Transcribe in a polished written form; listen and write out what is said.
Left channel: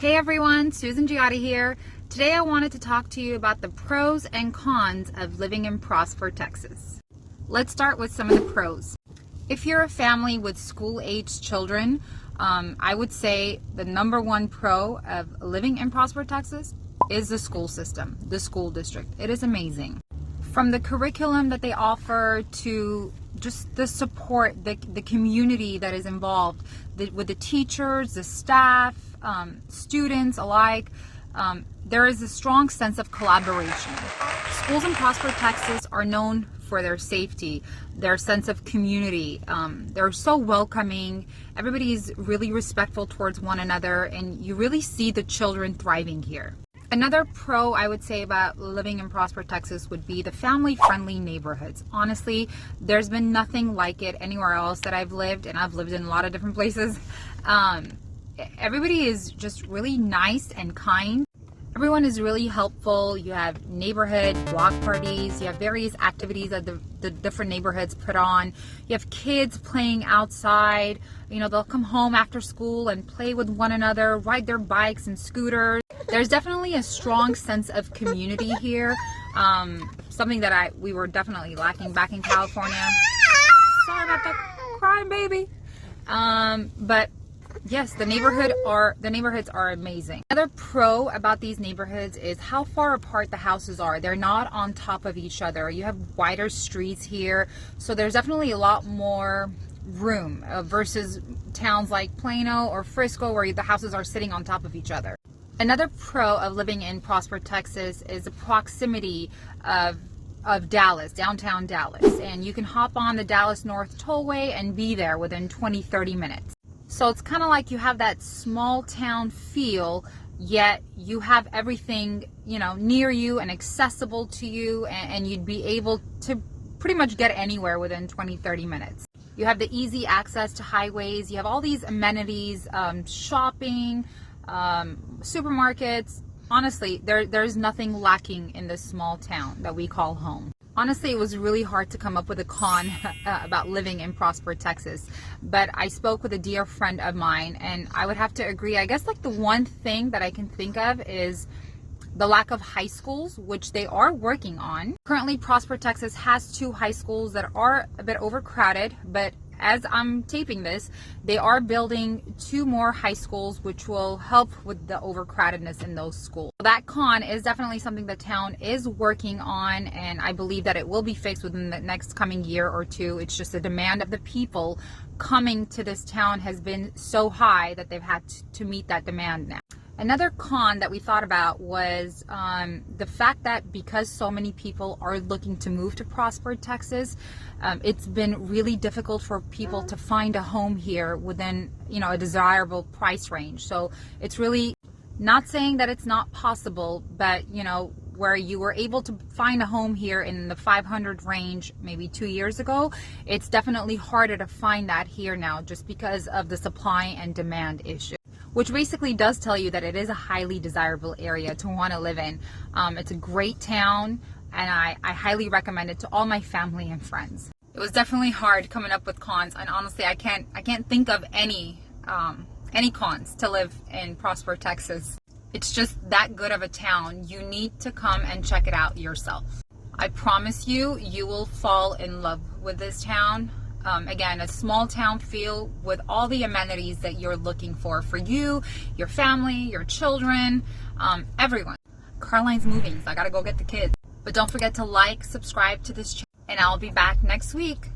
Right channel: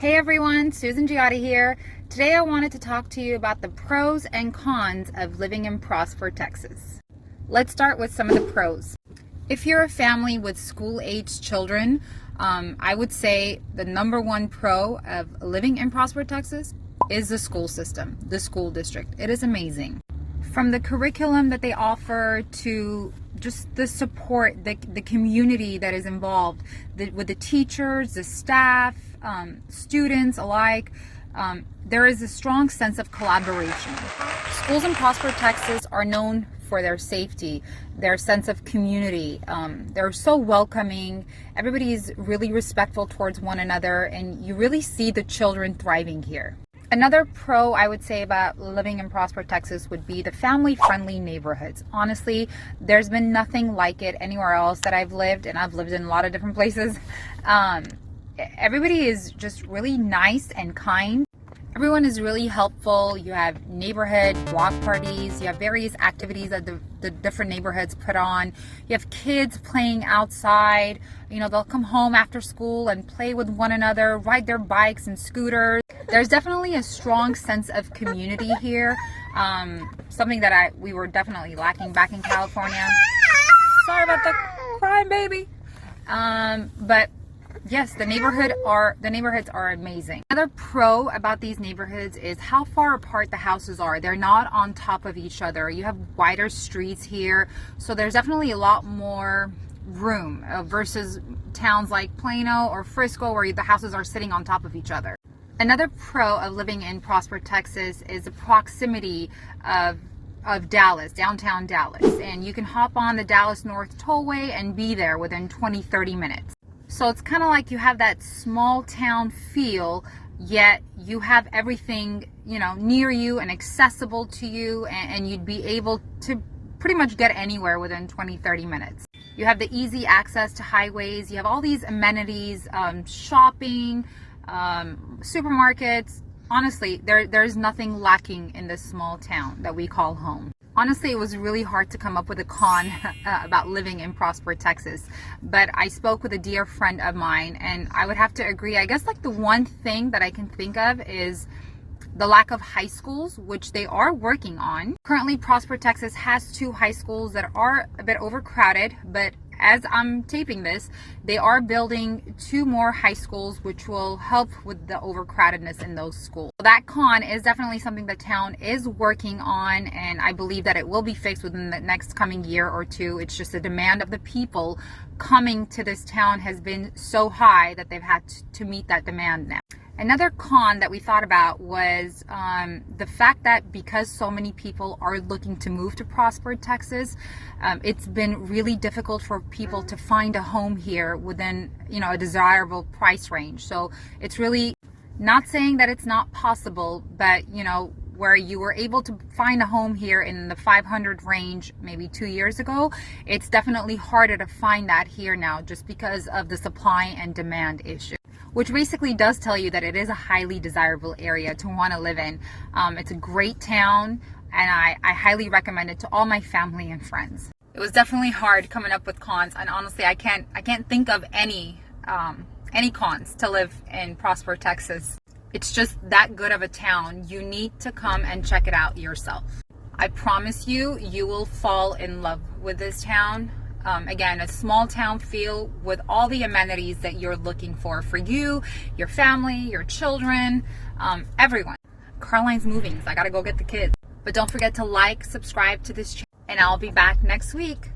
Hey everyone, Susan Giatti here. Today I wanted to talk to you about the pros and cons of living in Prosper, Texas. Let's start with some of the pros. If you're a family with school-aged children, I would say the number one pro of living in Prosper, Texas is the school system, the school district. It is amazing. From the curriculum that they offer to just the support, the community that is involved with the teachers, the staff, students alike, there is a strong sense of collaboration. Schools in Prosper, Texas are known for their safety, their sense of community. They're so welcoming. Everybody is really respectful towards one another, and you really see the children thriving here. Another pro I would say about living in Prosper, Texas would be the family-friendly neighborhoods. Honestly, there's been nothing like it anywhere else that I've lived, and I've lived in a lot of different places. Everybody is just really nice and kind. Everyone is really helpful. You have neighborhood block parties. You have various activities that the different neighborhoods put on. You have kids playing outside. You know, they'll come home after school and play with one another, ride their bikes and scooters. There's definitely a strong sense of community here. Something that we were definitely lacking back in California. Sorry about the crying baby. But yes, the neighborhoods are amazing. Another pro about these neighborhoods is how far apart the houses are. They're not on top of each other. You have wider streets here, so there's definitely a lot more room versus towns like Plano or Frisco where the houses are sitting on top of each other. Another pro of living in Prosper, Texas is the proximity of Dallas, downtown Dallas, and you can hop on the Dallas North Tollway and be there within 20-30 minutes. So it's kind of like you have that small town feel, yet you have everything, you know, near you and accessible to you, and you'd be able to pretty much get anywhere within 20-30 minutes. You have the easy access to highways. You have all these amenities, shopping, supermarkets. Honestly, there's nothing lacking in this small town that we call home. Honestly, it was really hard to come up with a con about living in Prosper, Texas. But I spoke with a dear friend of mine, and I would have to agree. I guess like the one thing that I can think of is the lack of high schools, which they are working on. Currently, Prosper, Texas has 2 high schools that are a bit overcrowded, but as I'm taping this, they are building 2 more high schools, which will help with the overcrowdedness in those schools. That con is definitely something the town is working on, and I believe that it will be fixed within the next coming year or 2. It's just the demand of the people coming to this town has been so high that they've had to meet that demand now. Another con that we thought about was the fact that because so many people are looking to move to Prosper, Texas, it's been really difficult for people to find a home here within, you know, a desirable price range. So it's really not saying that it's not possible, but you know, where you were able to find a home here in the 500 range maybe 2 years ago, it's definitely harder to find that here now just because of the supply and demand issue. Which basically does tell you that it is a highly desirable area to want to live in. It's a great town, and I highly recommend it to all my family and friends. It was definitely hard coming up with cons, and honestly, I can't think of any cons to live in Prosper, Texas. It's just that good of a town. You need to come and check it out yourself. I promise you, you will fall in love with this town. Again, a small town feel with all the amenities that you're looking for you, your family, your children, everyone. Caroline's moving, so I gotta go get the kids. But don't forget to like, subscribe to this channel, and I'll be back next week.